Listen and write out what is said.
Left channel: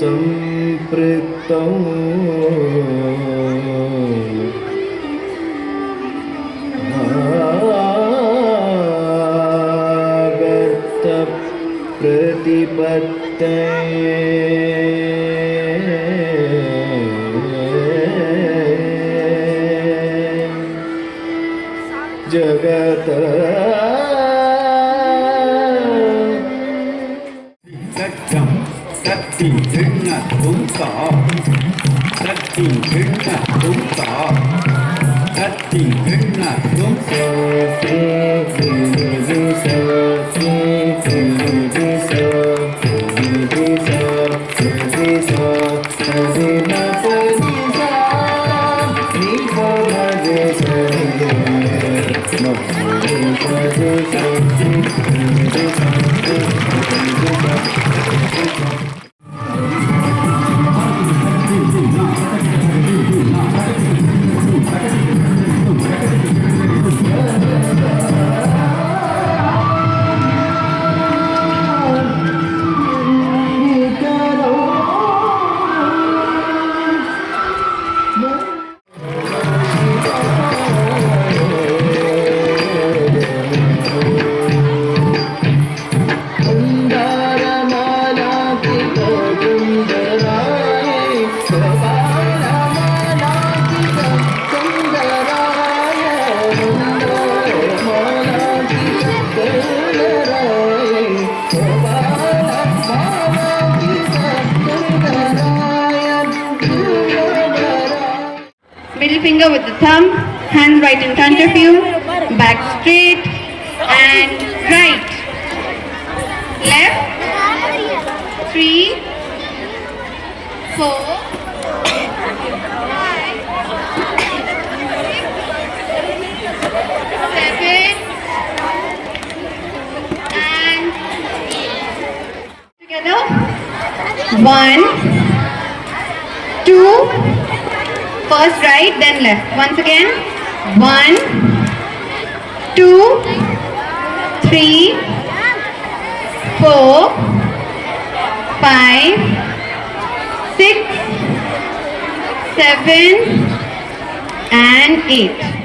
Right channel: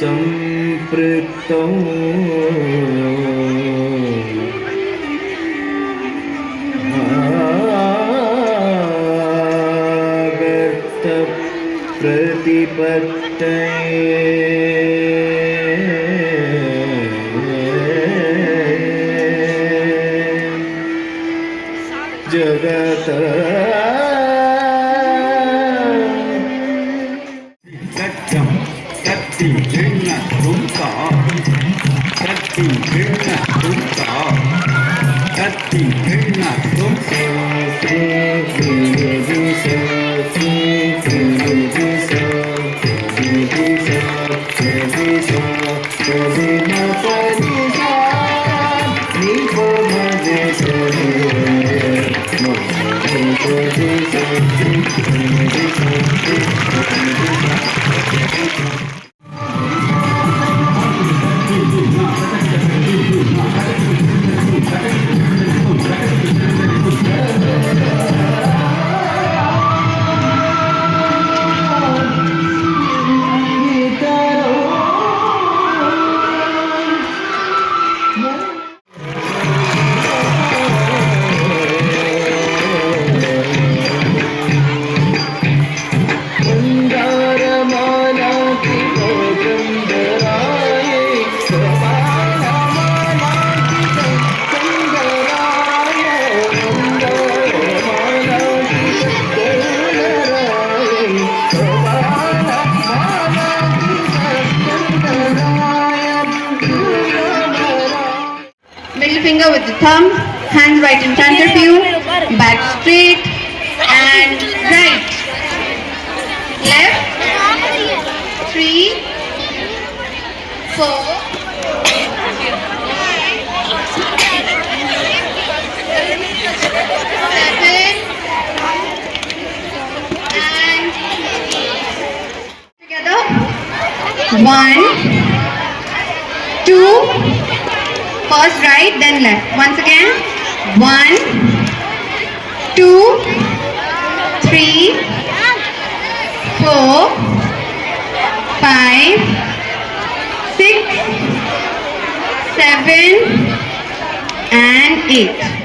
संपृक्तौ प्रतिपत्तये जगत सत्यं शक्ति भिन्न तुमका शक्ति भिन्न तुमका शक्ति भिन्न तुमका Middle finger with the thumb, hands right in front of you, back straight and right. Left, 3, 4, 7, and together. 1, 2, first right, then left. Once again. 1, 2, 3, 4, 5, 6, 7, and 8.